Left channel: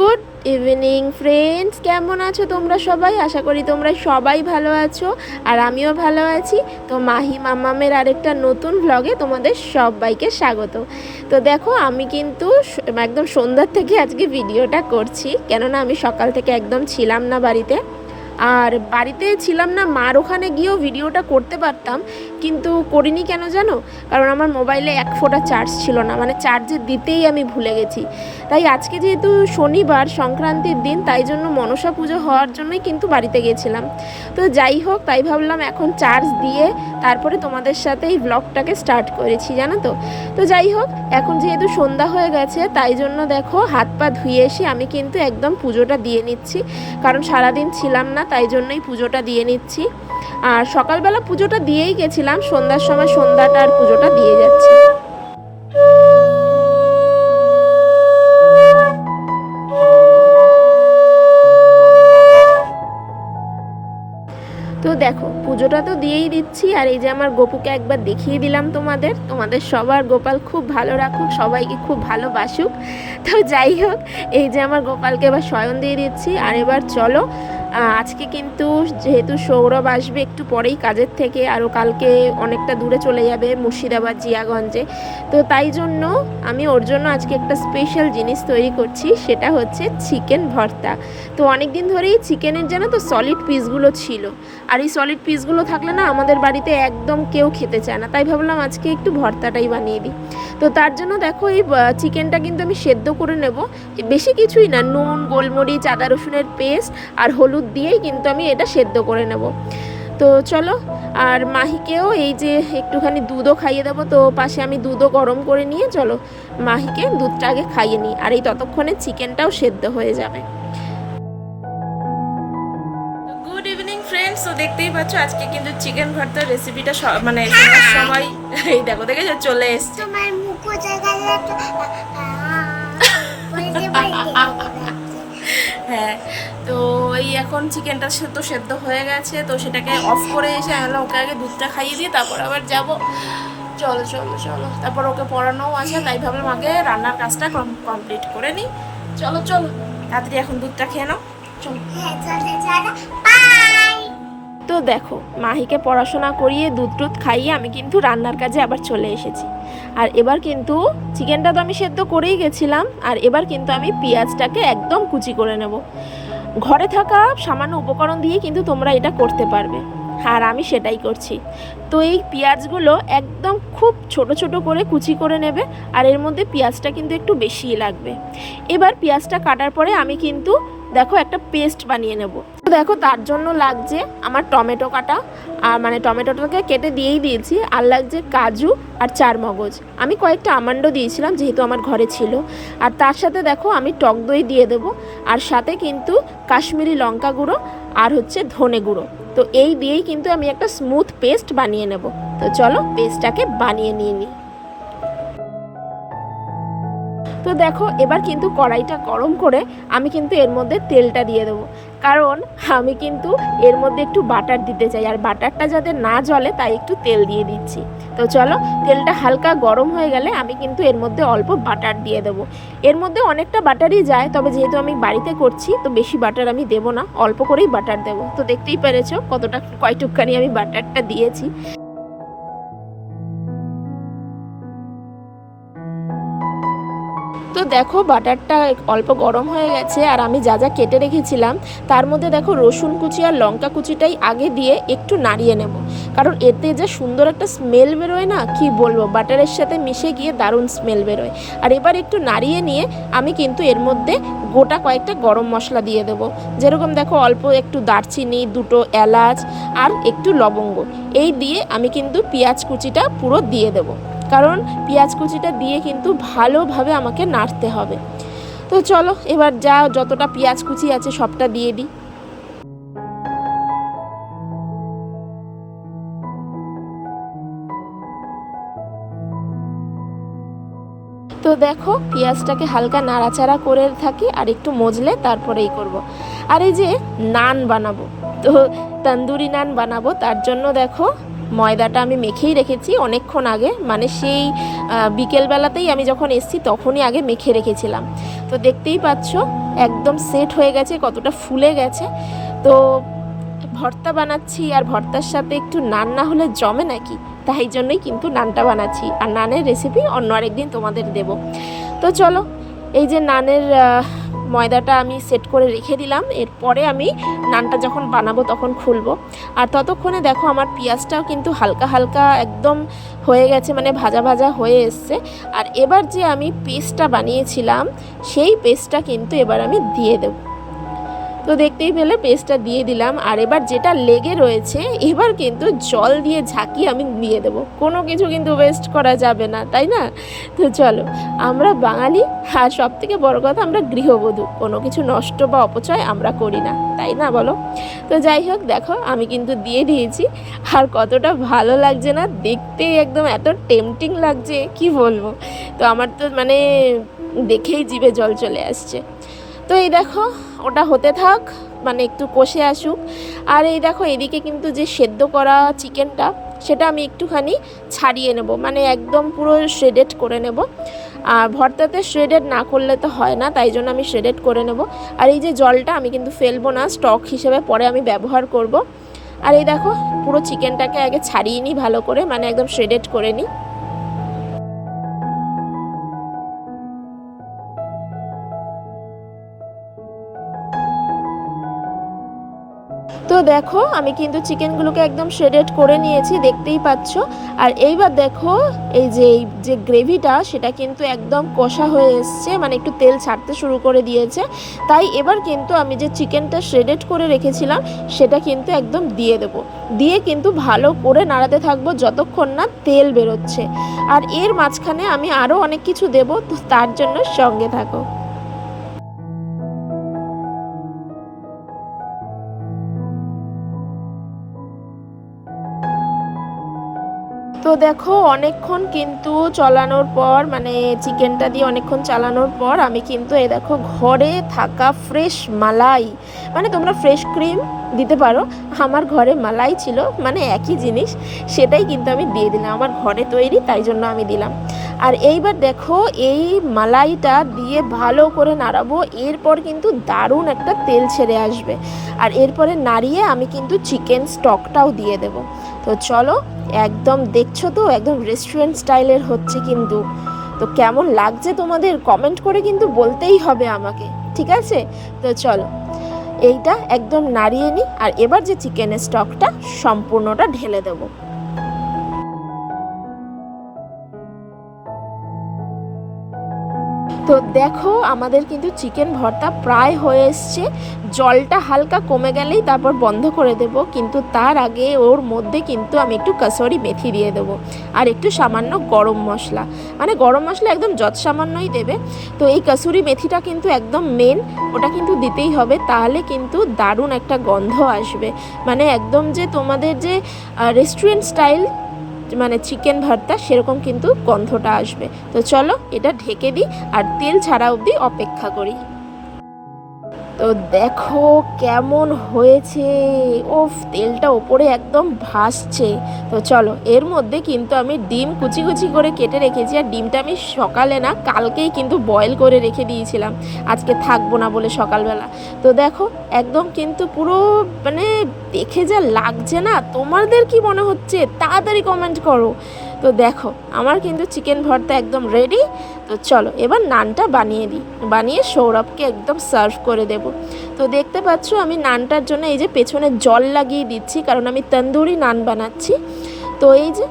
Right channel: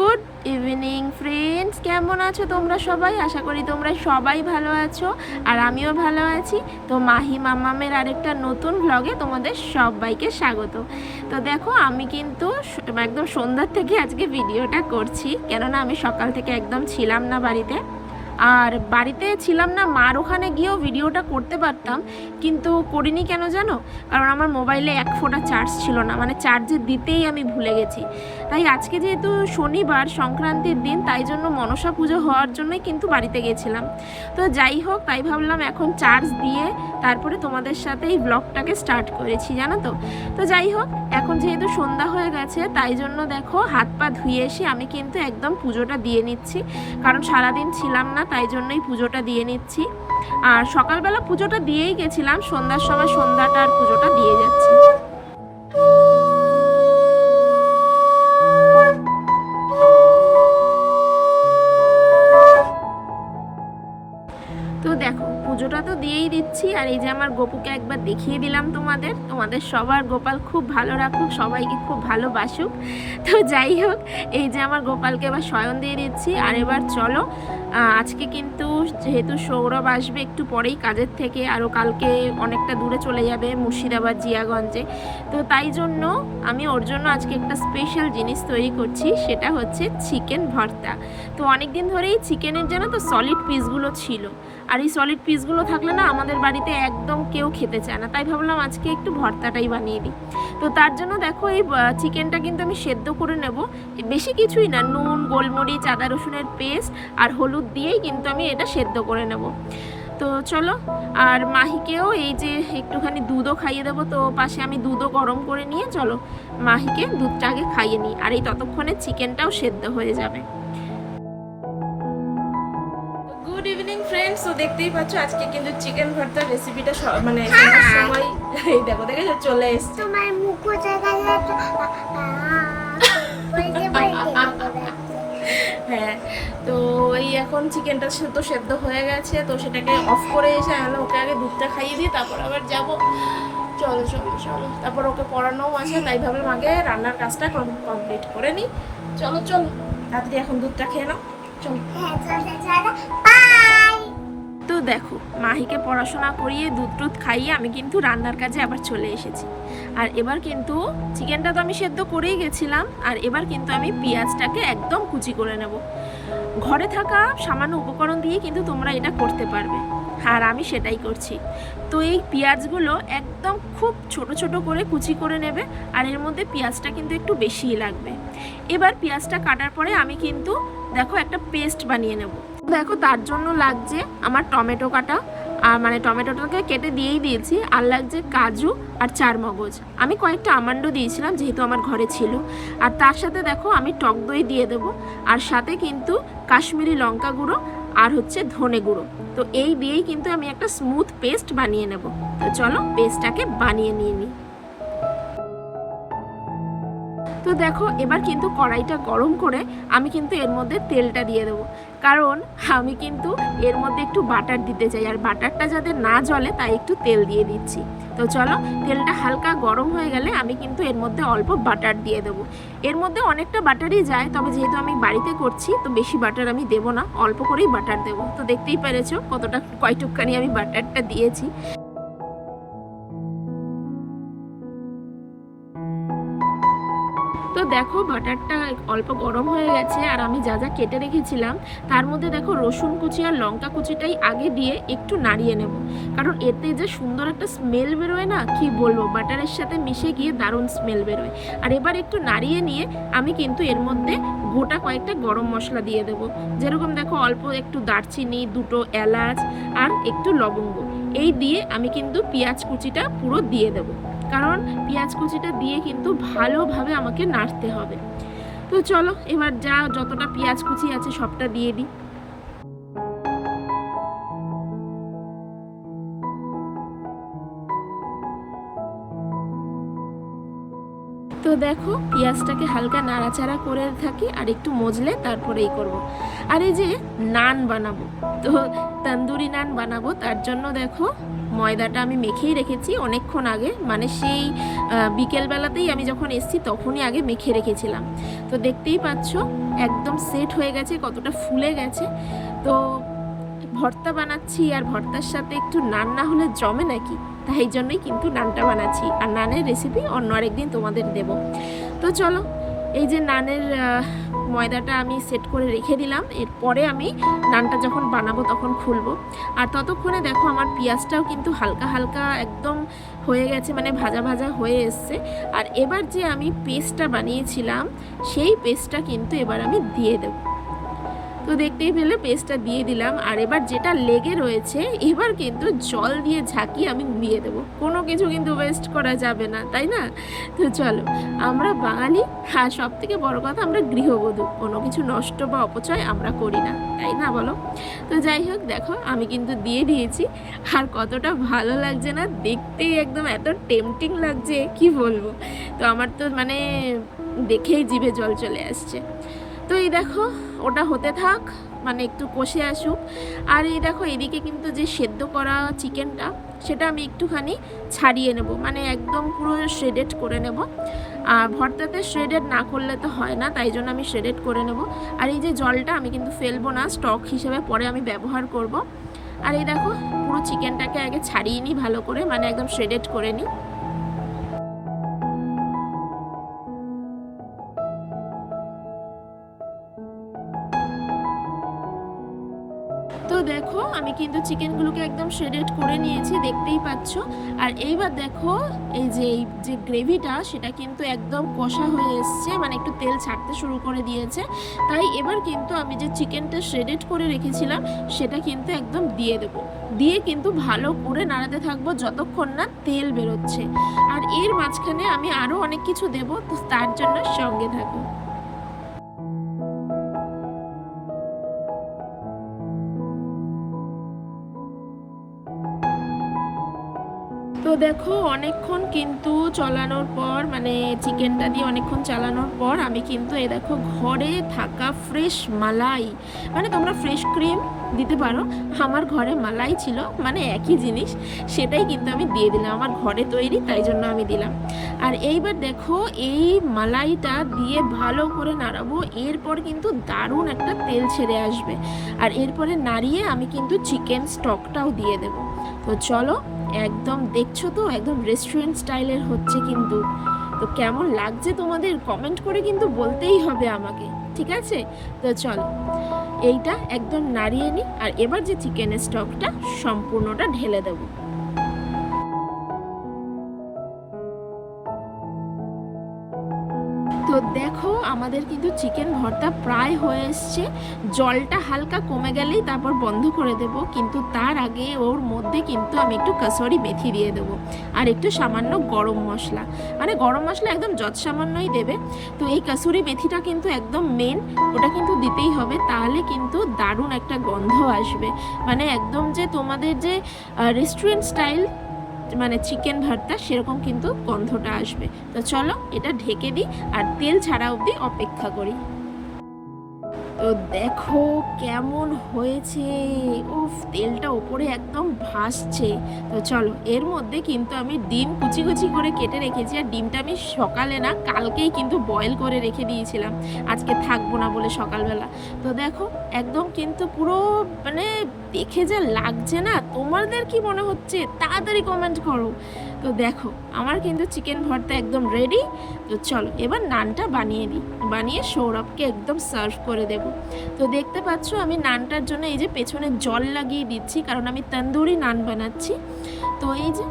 Good evening friends, কেমন আছো তোমরা সবাই? আশা করি তোমরা সবাই ভালো আছো আর আমিও ভালো আছি। তো মাহি মাম্মামের আরেকটা নতুন ব্লগে তোমাদের সবাইকে স্বাগত। তো দেখো, আমি কিন্তু একদম সন্ধ্যার থেকে আজকে ভিডিওটা করছি, কেননা আমি সকাল থেকে একদম ছিলাম না বাড়িতে। আর বাড়িতে ছিলাম না, মার ওখানে গিয়েও ভিডিওটা করতে পারতাম, কিন্তু করিনি। কেন জানো? কারণ আমার মোবাইলে এক ফোঁটা চার্জ ছিল না, মানে চার্জে দিতেই আমি ভুলে গেছি। তাই আজকে যেহেতু শনিবার সংক্রান্তির দিন, তাই জন্য মনসা পুজো হওয়ার জন্যই কিন্তু বাড়িতে গেছিলাম। তো যাই হোক, তাই ভাবলাম এখন চার্জ দিয়ে তারপরে তোমাদের সাথে এই ব্লগটাকে স্টার্ট করেছি, জানো তো। তো যাই হোক, এখন যেহেতু সন্ধ্যা হয়ে গেছে, তাই জন্য দেখো হাত পা ধুয়ে এসে আমি কিন্তু একদম পুজোটা দিয়ে নিচ্ছি, কারণ সারাদিন ছিলাম না, তাই জন্যই পুজোটা দিয়ে নিচ্ছি। আর সকালবেলা পুজোটা দিয়েই গেছিলাম, সন্ধ্যার সময় সন্ধ্যাটা আর পুজোটা দিয়ে যাচ্ছি। তো দেখো, পুজোটা তো দিয়েই দিচ্ছি, আর এই যে আমার গোপুকে একবার দেখিয়ে দিলাম তোমাদের সবার গোপাল খুব ভালো রাখুক, সবাইকে খুব ভালোবাসুক। তো যাই হোক, এই যে আমার গোপালকে এবার শয়ন দিয়ে দিচ্ছি। আর এবার চলো, আজকে কিন্তু যেহেতু সৌরভ আসবে একটু পরেই কাজের থেকে, আরও কালকে অনেকটা দূরে চলে যাবে, মুর্শিদাবাদ জিয়াগঞ্জে। তো তাই জন্য আমি ওর জন্য আজকে একটা স্পেশাল জিনিস তৈরি করছি, সেটা হচ্ছে চিকেন ভর্তা। তো অনেক দিন ধরেই চিকেনের জানো তো সলিড পিসগুলো ছিল, আর এই সলিড পিসগুলো থাকলে না আমাদের বাড়িতে একদম কেউ খেতে চায় না, তাই ভাবলাম আজকে একটু ভর্তাটাই বানিয়ে দিই। তো তার জন্য দেখো, এই চিকেনটা কিন্তু আমি সেদ্ধ করে নেব, বেশি কিছুই না, নুন, গোলমরিচ, আদা রসুনের পেস্ট আর হলুদ দিয়েই কিন্তু আমি এটা সেদ্ধ করে নেব। তো চলো, আর মাহিকেও এই যে একটুখানি দুধও খাইয়ে দেবো। তো পাশে আমি দুধও গরম করে নিয়ে চলো মাহিকে দুধটা আগে খাইয়ে নিই, আর এই ততক্ষণে চিকেনটাও সেদ্ধ হয়ে যাবে। গুড ইভিনিং ফ্রেন্ডস, তো দেখতেই পাচ্ছ আজকে কিন্তু চিকেন ভর্তার রেসিপিটা মানে শোনার সময় এই দেখো দেখেছো চলে এসছে। হ্যাঁ, তো এই এখন চিকেনটা তো সেদ্ধ হয়ে গেছে, তো সেটাকে অফ করে এসে আনলাম, ওকে আগে দুধটা খাইয়ে দিয়ে তারপর আবার যাব। চলো চলো চলো, তারপর ওকে পড়ানোও আছে, তাই ভাবলাম আগে রান্নার কাজটা কমপ্লিট করে নিই। চলো চলো, তাড়াতাড়ি এখন দুধটা খেয়ে নাও, চলো। তো দেখো, মাহিকে পড়াশোনা করিয়ে দুধ টুধ খাইয়ে আমি কিন্তু রান্নার কাজে আবার চলে এসেছি। আর এবার কিন্তু চিকেনটা তো আমি সেদ্ধ করেই গেছিলাম, আর এবার কিন্তু আমি পেঁয়াজটাকে একদম কুচি করে নেব। ঘরে থাকা সামান্য উপকরণ দিয়ে কিন্তু তোমরা এটা করতে পারবে, আর আমি সেটাই করছি। তো এই পেঁয়াজগুলো একদম খুব ছোট ছোট করে কুচি করে নেবে, আর এর মধ্যে পেঁয়াজটা কিন্তু একটু বেশিই লাগবে। এবার পেঁয়াজটা কাটার পরে আমি কিন্তু দেখো একটা পেস্ট বানিয়ে নেব। দেখো, তার জন্য লাগছে আমার টমেটো কাটা, আর মানে টমেটোটাকে কেটে দিয়েই দিয়েছি, আর লাগছে কাজু আর চারমগজ। আমি কয়েকটা আমন্ডও দিয়েছিলাম যেহেতু আমার ঘরে ছিল। আর তার সাথে দেখো আমি টক দই দিয়ে দেবো, আর সাথে কিন্তু কাশ্মীরি লঙ্কা গুঁড়ো আর হচ্ছে ধনে গুঁড়ো। তো এই দিয়েই কিন্তু আমি একটা স্মুথ পেস্ট বানিয়ে নেব। তো চলো পেস্টটাকে বানিয়ে নিয়ে নিই। তো দেখো, এবার কিন্তু কড়াইটা গরম করে আমি কিন্তু এর মধ্যে তেলটা দিয়ে দেবো, কারণ আমি কিন্তু এর মধ্যে একটু বাটার দিতে চাই, আর বাটারটা যাতে না জ্বলে তাই একটু তেল দিয়ে দিচ্ছি। তো চলো, তেলটা হালকা গরম হয়ে গেলে আমি কিন্তু এর মধ্যে অল্প বাটার দিয়ে দেবো। এর মধ্যে অনেকটা বাটারই যায়, তবে যেহেতু আমি বাড়িতে করছি তো বেশি বাটার আমি দেবো না, অল্প করেই বাটার দেবো। তো দেখতেই পেরেছো কতটা কয়টুকখানি আমি বাটারটা দিয়েছি। তো দেখো, বাটারটা অল্প গরম হয়ে গেছে, আর আমি যা যা কেটে রেখেছিলাম তার মধ্যে দেখো রসুন কুচি আর লঙ্কা কুচিটাই আগে দিয়ে একটু নাড়িয়ে নেব, কারণ এতে যে সুন্দর একটা স্মেল বেরোয় না, কি বলবো, বাটারের সাথে মিশে গিয়ে দারুণ স্মেল বেরোয়। আর এবার একটু নাড়িয়ে নিয়ে আমি কিন্তু এর মধ্যে গোটা কয়েকটা গরম মশলা দিয়ে দেবো, যেরকম দেখো অল্প একটু দারচিনি, দুটো এলাচ আর একটু লবঙ্গ। এই দিয়ে আমি কিন্তু পেঁয়াজ কুচিটা পুরো দিয়ে দেবো, কারণ পেঁয়াজ কুচিটা দিয়ে কিন্তু ভালোভাবে আমাকে নাড়তে হবে। তো চলো, এবার যতটা পেঁয়াজ কুচি আছে সবটা দিয়ে দিই। তো দেখো, পেঁয়াজটাকে হালকা নাড়াচাড়া করে থাকি, আর একটু মজলে তারপরেই করব। আর এই যে নান বানাবো, তো তন্দুরি নান বানাবো, তার জন্য দেখো ময়দাটা আমি মেখেই রেখেছি অনেকক্ষণ আগে, মানে সেই বিকেলবেলাতেই আমি যখন এসেছি তখনই আগে মেখে রেখেছিলাম। তো দেখতেই পাচ্ছ একদম সেট হয়ে গেছে, কতটা ফুলে গেছে। তো ভর্তা বানাচ্ছি, আর ভর্তার সাথে একটু নান না হলে জমে নাকি, তাই জন্যই কিন্তু নানটা বানাচ্ছি। আর নানের রেসিপি অন্য আরেকদিন তোমাদের দেব। তো চলো, এই যে নানের ময়দাটা আমি সেট করে রেখে দিলাম, এরপরে আমি নানটা যখন বানাবো তখন খুলবো। আর ততক্ষণে দেখো আমার পেঁয়াজটাও কিন্তু হালকা হালকা একদম হয়ে গেছে, মানে ভাজা ভাজা হয়ে এসছে। আর এবার যে আমি পেস্টটা বানিয়েছিলাম সেই পেস্টটা কিন্তু এবার আমি দিয়ে দেবো। তো দেখতেই পেলে পেস্টটা দিয়ে দিলাম। আর এবার যেটা লেগে রয়েছে এবার কিন্তু জল দিয়ে ঝাঁকিয়ে আমি দিয়ে দেবো, কোনো কিছু কিন্তু ওয়েস্ট করা যাবে না, তাই না? তো চলো, আমরা বাঙালি, আর সব থেকে বড় কথা আমরা গৃহবধূ, কোনো কিছু নষ্ট বা অপচয় আমরা করি না, তাই না বলো? তো যাই হোক, দেখো আমি কিন্তু দিয়ে দিয়েছি। আর কতটা ভালো লাগছে না দেখতেই, একদম এত টেম্পটিং লাগছে কি বলবো। তো আমার তো মানে দেখেই জিভে জল চলে আসছে। তো এই দেখো ওটা হতে থাক, মানে একটু কষে আসুক। আর এই দেখো এদিকে কিন্তু যে সেদ্ধ করা চিকেনটা সেটা আমি একটুখানি ছাড়িয়ে নেব, মানে একদম পুরো শ্রেডেড করে নেব। আর ভর্তাতে শ্রেডেড না করলে তো হয় না, তাই জন্য আমি শ্রেডেড করে নেব। আর এই যে জলটা আমি কিন্তু ফেলবো না, স্টক হিসেবে পরে আমি ব্যবহার করব। আর এই দেখো পুরো চিকেনটাকে আগে ছাড়িয়ে নিই ভালো করে, মানে একদম শ্রেডেড করে নিই। তো দেখো আমি কিন্তু চিকেনগুলোকে একদম শ্রেডেড করে নিয়েছি, দেখতেই পাচ্ছ। আর এইবার দেখো এই যে গ্রেভিটা সেটা কিন্তু একদম কষা হয়ে এসছে, মানে একটু তেল ছাড়তে শুরু করে দিয়েছে। তাই এবার কিন্তু আমি যে চিকেনটা শ্রেডেড করে রেখেছিলাম সেটা কিন্তু একদম দিয়ে দেবো, দিয়ে কিন্তু ভালো করে নাড়াতে থাকবো যতক্ষণ না তেল বেরোচ্ছে। আর এর মাঝখানে আমি আরও অনেক কিছু দেবো, তো তার জন্য সঙ্গে থাকো। তো দেখো অনেকক্ষণ কিন্তু চলানোর পর, মানে চিকেনটা দিয়ে অনেকক্ষণ চালানোর পর আমি কিন্তু এই দেখো ঘরে থাকা ফ্রেশ মালাই, মানে তোমরা ফ্রেশ ক্রিম দিতে পারো, আমার ঘরে মালাই ছিল, মানে একই জিনিস, সেটাই কিন্তু আমি দিয়ে দিলাম, আমার ঘরে তৈরি তাই জন্য আমি দিলাম। আর এইবার দেখো এই মালাইটা দিয়ে ভালো করে নাড়াবো, এরপর কিন্তু দারুণ একটা তেল ছেড়ে আসবে। আর এরপরে নাড়িয়ে আমি কিন্তু চিকেন স্টকটাও দিয়ে দেবো। তো চলো, একদম দেখছো তো একদম রেস্টুরেন্ট স্টাইলের হচ্ছে কিন্তু। তো কেমন লাগছে তোমাদের কমেন্ট করে কিন্তু বলতেই হবে আমাকে, ঠিক আছে? তো চলো এইটা একদম নাড়িয়ে নিই, আর এবার যে চিকেনের স্টকটা সম্পূর্ণটা ঢেলে দেবো। তো দেখো আমাদের কিন্তু চিকেন ভর্তা প্রায় হয়ে এসছে, জলটা হালকা কমে গেলেই তারপর বন্ধ করে দেব। কিন্তু তার আগে ওর মধ্যে কিন্তু আমি একটু কাসুরি মেথি দিয়ে দেবো, আর একটু সামান্য গরম মশলা, মানে গরম মশলা একদম যৎ সামান্যই দেবে। তো এই কাসুরি মেথিটা কিন্তু একদম মেন, ওটা কিন্তু দিতেই হবে, তাহলে কিন্তু দারুণ একটা গন্ধ আসবে, মানে একদম যে তোমাদের যে রেস্টুরেন্ট স্টাইল মানে চিকেন ভর্তা সেরকম কিন্তু গন্ধটা আসবে। তো চলো এটা ঢেকে দিই আর তেল ছাড়া অবধি অপেক্ষা করি। তো দেখো কেমন হয়েছে, ওফ তেলটা ওপরে একদম ভাসছে। তো চলো এর মধ্যে কিন্তু আমি ডিম কুচি কুচি করে কেটে রেখেছি, আর ডিমটা আমি সকালে না কালকেই কিন্তু বয়েল করে রেখে দিয়েছিলাম, আজকে থাকবো না বলে সকালবেলা। তো দেখো একদম কিন্তু পুরো মানে দেখে যা লাগছে না, তোমাদের কি মনে হচ্ছে তাড়াতাড়ি কমেন্ট করো। তো দেখো আমার কিন্তু চিকেন ভর্তা একদম রেডি। তো চলো এবার নানটা বানিয়ে দিই, বানিয়ে সৌরভকে একদম সার্ভ করে দেব। তো দেখতে পাচ্ছ আমি নানটার জন্য এই যে পেছনে জল লাগিয়ে দিচ্ছি, কারণ আমি তন্দুরি নান বানাচ্ছি। তো এই যে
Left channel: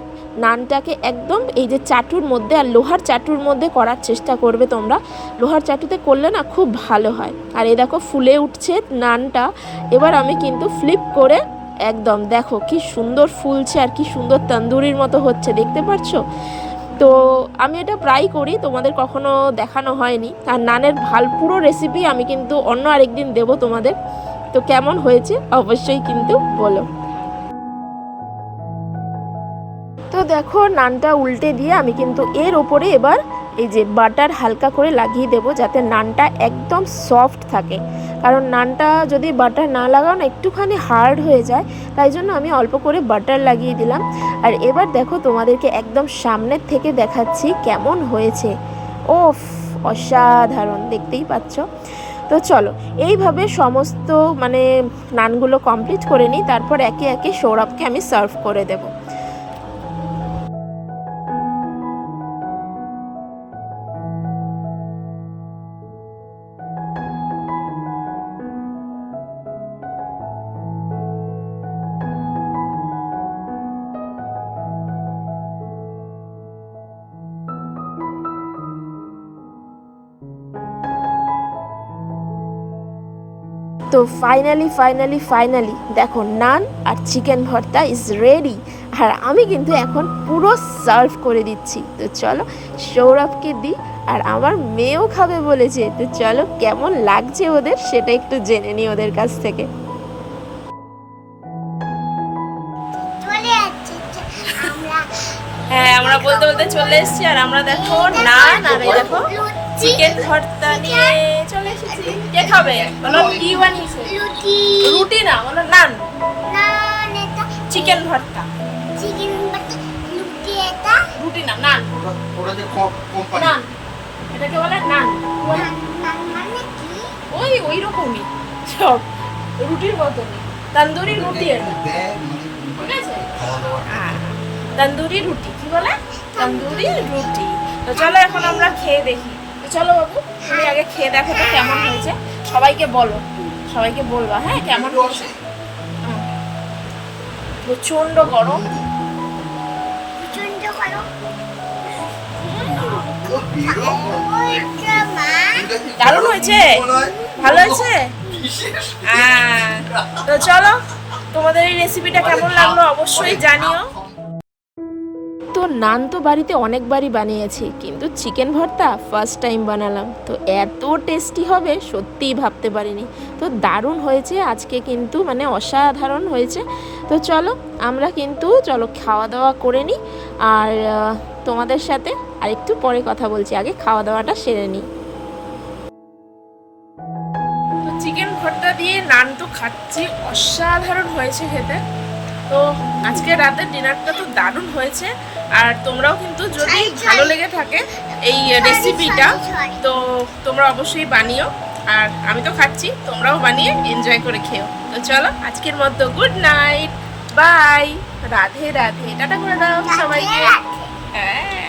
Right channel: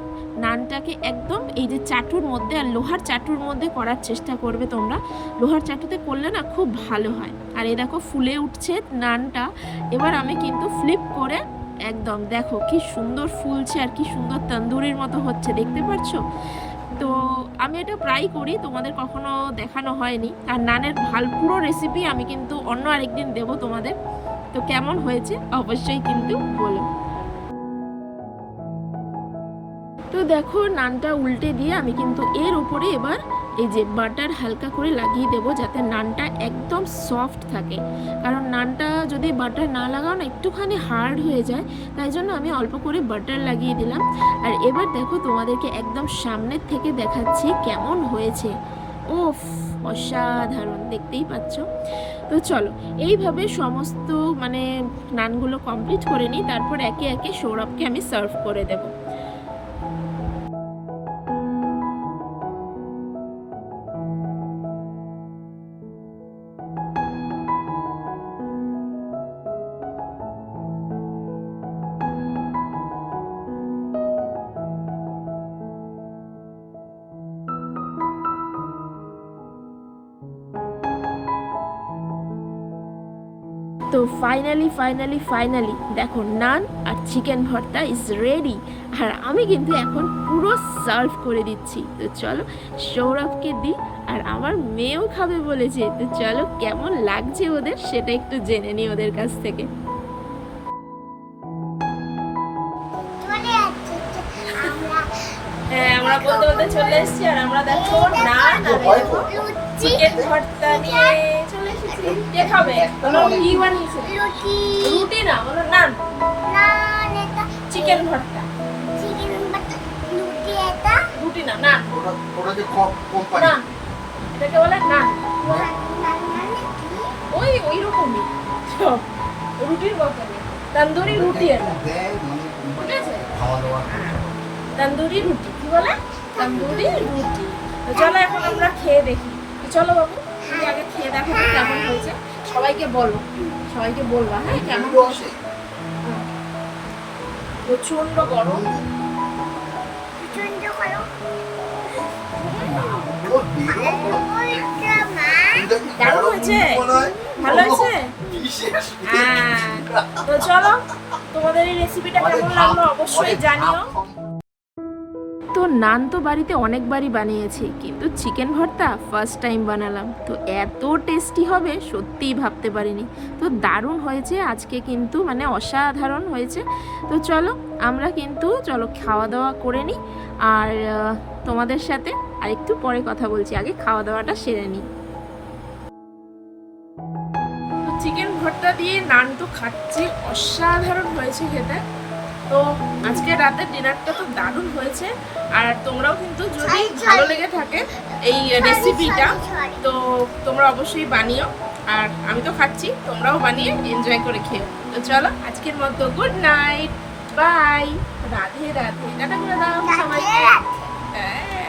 নানটাকে একদম এই যে চাটুর মধ্যে, আর লোহার চাটুর মধ্যে করার চেষ্টা করবে তোমরা, লোহার চাটুতে করলে না খুব ভালো হয়। আর এই দেখো ফুলে উঠছে নানটা, এবার আমি কিন্তু ফ্লিপ করে একদম দেখো কি সুন্দর ফুলছে, আর কি সুন্দর তন্দুরির মতো হচ্ছে, দেখতে পাচ্ছ? তো আমি এটা প্রায় করি, তোমাদের কখনো দেখানো হয়নি। আর নানের পুরো রেসিপি আমি কিন্তু অন্য আরেকদিন দেবো তোমাদের। তো কেমন হয়েছে অবশ্যই কিন্তু বলো। তো দেখো নানটা উল্টে দিয়ে আমি কিন্তু এর ওপরে এবার এই যে বাটার হালকা করে লাগিয়ে দেবো, যাতে নানটা একদম সফট থাকে। কারণ নানটা যদি বাটার না লাগাও না একটুখানি হার্ড হয়ে যায়, তাই জন্য আমি অল্প করে বাটার লাগিয়ে দিলাম। আর এবার দেখো তোমাদেরকে একদম সামনের থেকে দেখাচ্ছি কেমন হয়েছে। ওফ, অসাধারণ, দেখতেই পাচ্ছ। তো চলো এইভাবে সমস্ত মানে নানগুলো কমপ্লিট করে নিই, তারপর একে একে সৌরভকে আমি সার্ভ করে দেবো। তো ফাইনালি দেখো নান আর চিকেন ভর্তা ইজ রেডি। আর আমি কিন্তু এখন পুরো সার্ভ করে দিচ্ছি। তো চলো সৌরভকে দিই, আর আমার মেয়েও খাবে বলেছে। তো চলো কেমন লাগছে ওদের সেটা একটু জেনে নিই ওদের কাছ থেকে। হ্যাঁ, আমরা বলতে বলতে চলে এসেছি, আর আমরা দেখো নান আর দেখো চিকেন ভর্তা নিয়ে চলে এসেছি। কে খাবে বলো? কি বানিয়েছে? রুটি না, বলো নান। চিকেন ভর্তা, রুটি না, নান। নান এটাকে বলে নান। ওই রকমই সব রুটির মতনই, তন্দুরি রুটি এটা, ঠিক আছে? তন্দুরি রুটি, কি বলে? তন্দুরি রুটি। তো চলো এখন আমরা খেয়ে দেখি। তো চলো বাবু, তুমি আগে খেয়ে দেখো তো কেমন হয়েছে। সবাইকে বলো, সবাইকে বলবা হ্যাঁ কেমন হয়েছে। প্রচন্ড গরম, দারুণ হয়েছে, ভালো হয়েছে। হ্যাঁ, তো চলো তোমাদের এই রেসিপিটা কেমন লাগলো অবশ্যই জানিও। তো নান তো বাড়িতে অনেকবারই বানিয়েছি, কিন্তু চিকেন ভর্তা ফার্স্ট টাইম বানালাম। তো এত টেস্টি হবে সত্যিই ভাবতে পারিনি। তো দারুণ হয়েছে আজকে, কিন্তু মানে অসাধারণ হয়েছে। তো চলো আমরা কিন্তু খাওয়া দাওয়া করে নিই, আর তোমাদের সাথে আরেকটু পরে কথা বলছি, আগে খাওয়া দাওয়াটা সেরে নিই। তো চিকেন ভর্তা দিয়ে নান তো খাচ্ছি, অসাধারণ হয়েছে খেতে। তো আজকে রাতের ডিনারটা তো দারুণ হয়েছে। আর তোমরাও কিন্তু যদি ভালো লেগে থাকে এই রেসিপিটা, তো তোমরা অবশ্যই বানিও। আর আমি তো খাচ্ছি, তোমরাও বানিয়ে এনজয় করে খেও। তো চলো আজকের মতো good night, bye, Radhe Radhe, tata করে দাও সবাইকে। হ্যাঁ।